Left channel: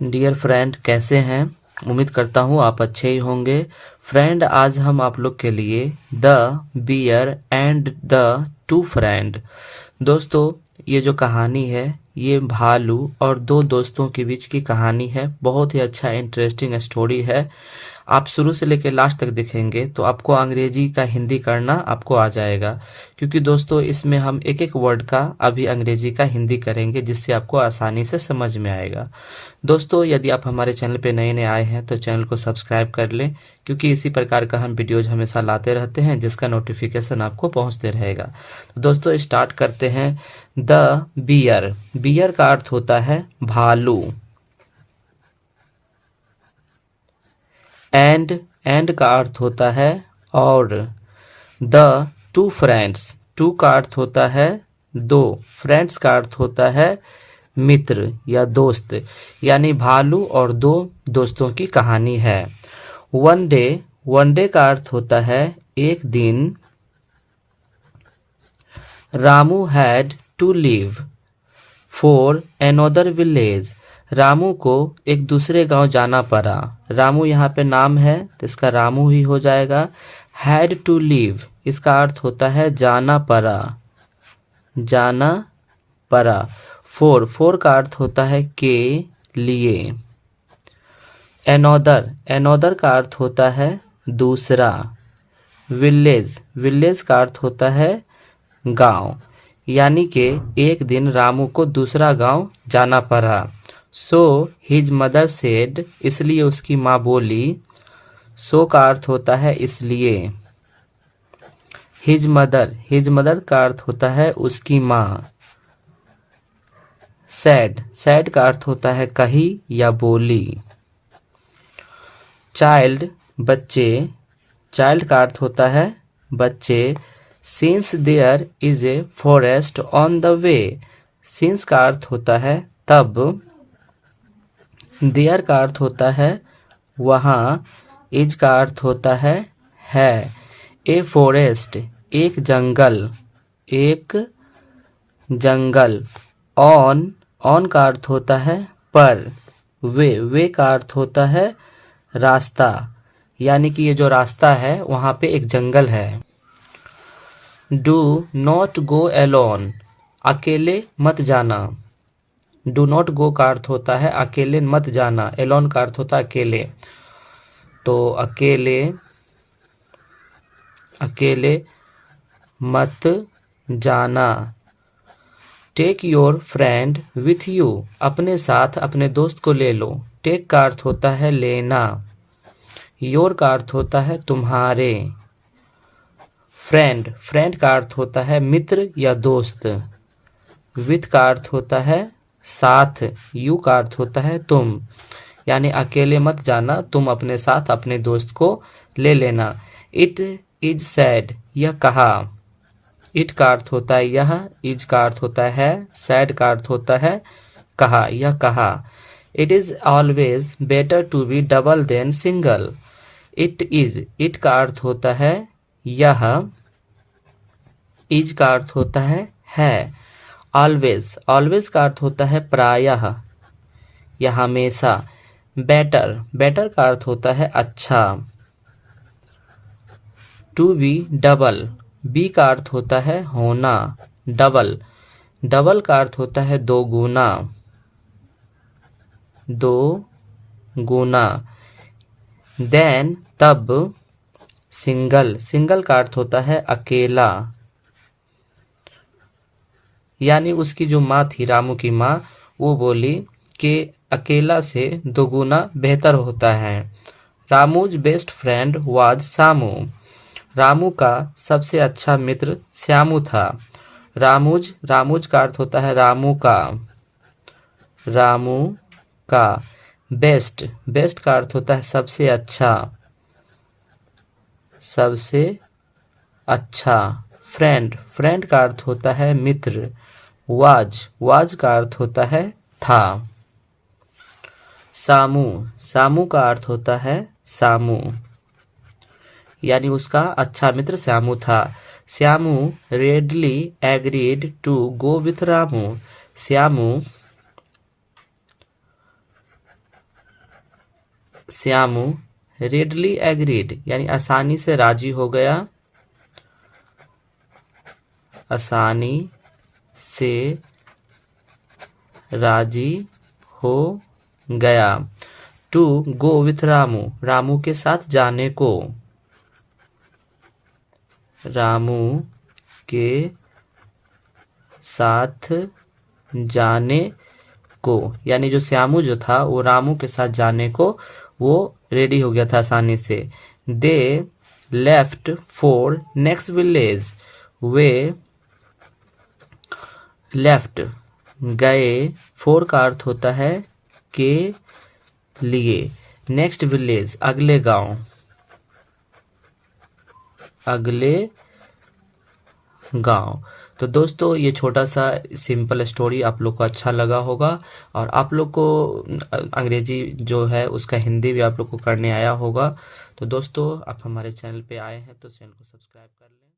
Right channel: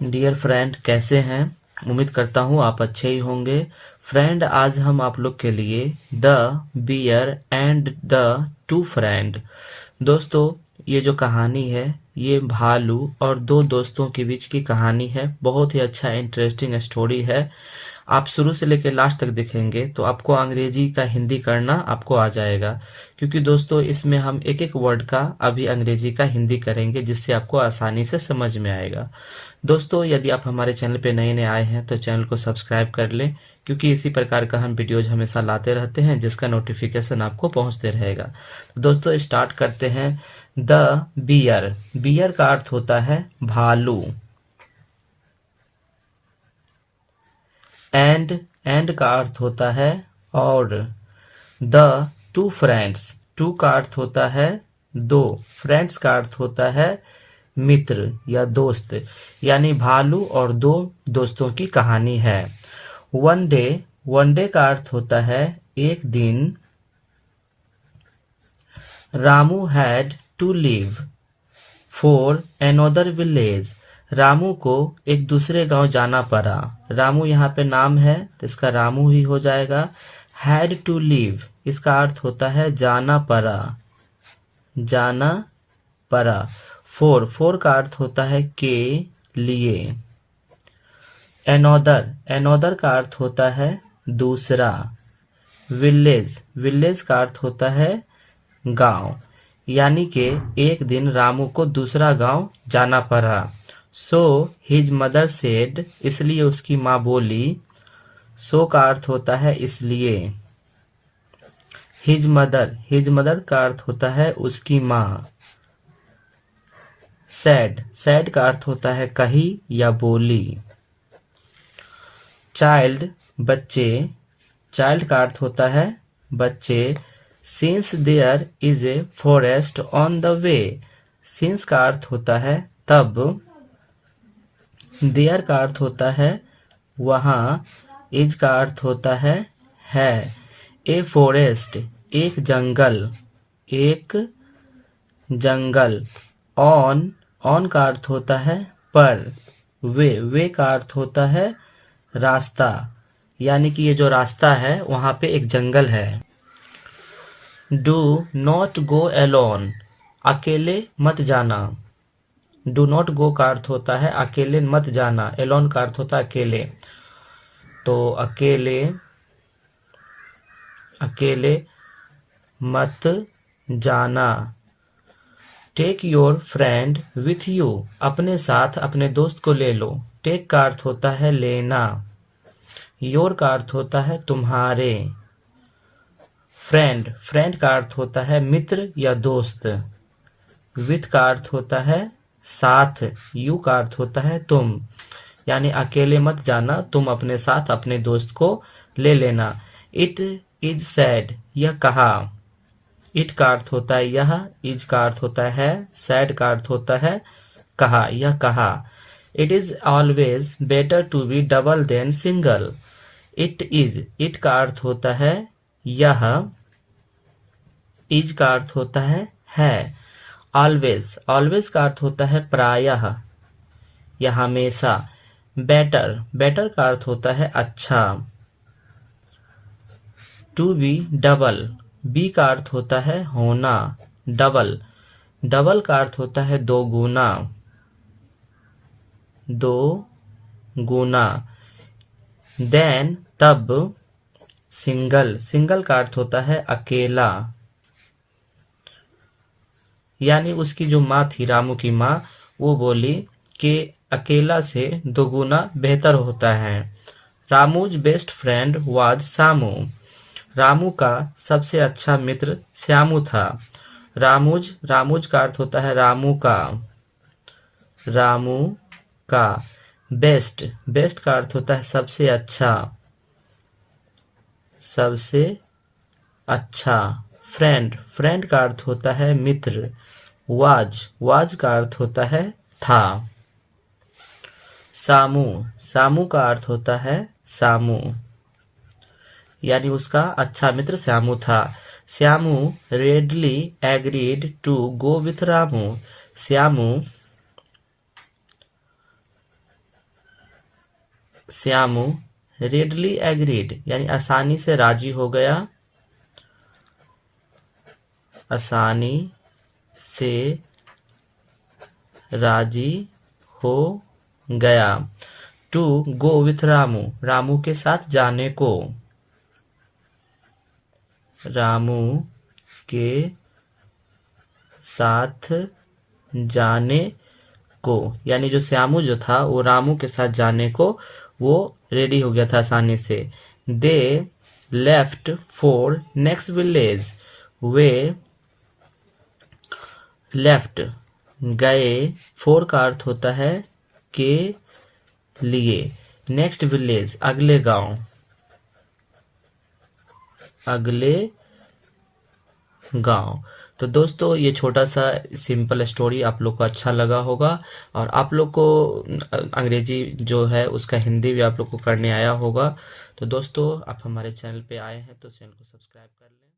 Dear friend, कैसे हैं? उम्मीद करता हूँ आप अच्छे ही होंगे। फ्रेंड, आज हम आप लोग के लिए the bear and the two friend, दोस्तों, ये जो कहानी है ये भालू और दो दोस्तों के बीच की कहानी है। बहुत ही अच्छा इंटरेस्टिंग स्टोरी है। आप शुरू से लेकर लास्ट तक देखेंगे तो आपको अंग्रेजी का हिंदी करना आपको आ जाएगा, क्योंकि दोस्तों इसमें हम एक एक वर्ड का अभी अंग्रेजी का हिंदी करेंगे, जिससे आपको आसानी से समझ में आएगा। दोस्तों, यदि आप हमारे चैनल पे नए नए आए हैं तो चैनल को सब्सक्राइब कर लें, क्योंकि इसी प्रकार का हम वीडियोज हमेशा लाते रहते हैं, जिसका नोटिफिकेशन आपको पहुंचते रहेगा। तो दोस्तों स्टार्ट करते हैं। द बियर, बियर का अर्थ होता है भालू। एंड का अर्थ होता है और। द टू फ्रेंड्स, टू का अर्थ होता है दो, फ्रेंड्स का अर्थ होता है मित्र या दोस्त, यानी भालू और दो दोस्तों की कहानी है। वन डे का अर्थ होता है एक दिन। Ramu had to leave for another village, Ramu को एक दूसरे गांव जाना पड़ा। रामू यहाँ पे नाम है तो इसका रामू ही हो जाएगा। हैड टू लीव, इसका अर्थ होता है जाना पड़ा, जाना पड़ा। फोर का अर्थ होता है के लिए। एनोदर का अर्थ होता है दूसरा। विलेज का अर्थ होता है गांव, यानी कि एक दिन रामू को दूसरा गांव जाना पड़ा। सो हिज मदर सेड, इसलिए उसकी माँ बोली। सो का अर्थ होता है इसलिए। हिज मदर का अर्थ होता है उसकी माँ। सैड का अर्थ होता है कही या बोली। चाइल्ड, बच्चे, चाइल्ड का अर्थ होता है बच्चे। Since there is a forest on the way, since का अर्थ होता है तब। देयर का अर्थ होता है वहां। इज का अर्थ होता है। ए फॉरेस्ट, एक जंगल, एक जंगल। ऑन का अर्थ होता है पर। वे का अर्थ होता है रास्ता, यानी कि ये जो रास्ता है वहां पे एक जंगल है। डू नॉट गो एलोन, अकेले मत जाना। डू नॉट गो का अर्थ होता है अकेले मत जाना। एलोन का अर्थ होता है अकेले, तो अकेले मत जाना। Take your friend with you, अपने साथ अपने दोस्त को ले लो। टेक का अर्थ होता है लेना। योर का अर्थ होता है तुम्हारे। फ्रेंड का अर्थ होता है मित्र या दोस्त। विथ का अर्थ होता है साथ। यू का अर्थ होता है तुम, यानी अकेले मत जाना, तुम अपने साथ अपने दोस्त को ले लेना। इट इज सैड, यह कहा। इट का अर्थ होता है यह। इज का अर्थ होता है। सैड का अर्थ होता है कहा, यह कहा। It is always better to be double than single. It का अर्थ होता है यह। इज का अर्थ होता है। ऑलवेज का अर्थ होता है प्रायः या हमेशा। बेटर का अर्थ होता है अच्छा। टू बी डबल, बी का अर्थ होता है होना। डबल का अर्थ होता है दो गुना। देन, तब। सिंगल का अर्थ होता है अकेला, यानी उसकी जो माँ थी, रामू की माँ, वो बोली कि अकेला से दोगुना बेहतर होता है। रामूज बेस्ट फ्रेंड वाज सामू, रामू का सबसे अच्छा मित्र श्यामू था। रामूज का अर्थ होता है रामू का। बेस्ट का अर्थ होता है सबसे अच्छा। फ्रेंड का अर्थ होता है मित्र। वाज का अर्थ होता है था। सामू का अर्थ होता है सामू, यानी उसका अच्छा मित्र श्यामू था। Shyamu readily agreed to go with Ramu, Shyamu Shyamu readily agreed यानी आसानी से राजी हो गया, आसानी से राजी हो गया। To go with Ramu, Ramu के साथ जाने को, रामू के साथ जाने को यानी जो श्यामू जो था वो रामू के साथ जाने को वो रेडी हो गया था आसानी से। They left for next village, way left गए, फॉर का अर्थ होता है के लिए, नेक्स्ट विलेज अगले गांव, अगले गांव। तो दोस्तों ये छोटा सा सिंपल स्टोरी आप लोग को अच्छा लगा होगा और आप लोग को अंग्रेजी जो है उसका हिंदी भी आप लोग को करने आया होगा। तो दोस्तों आप हमारे चैनल पे आए हैं तो चैनल को सब्सक्राइब कर लें।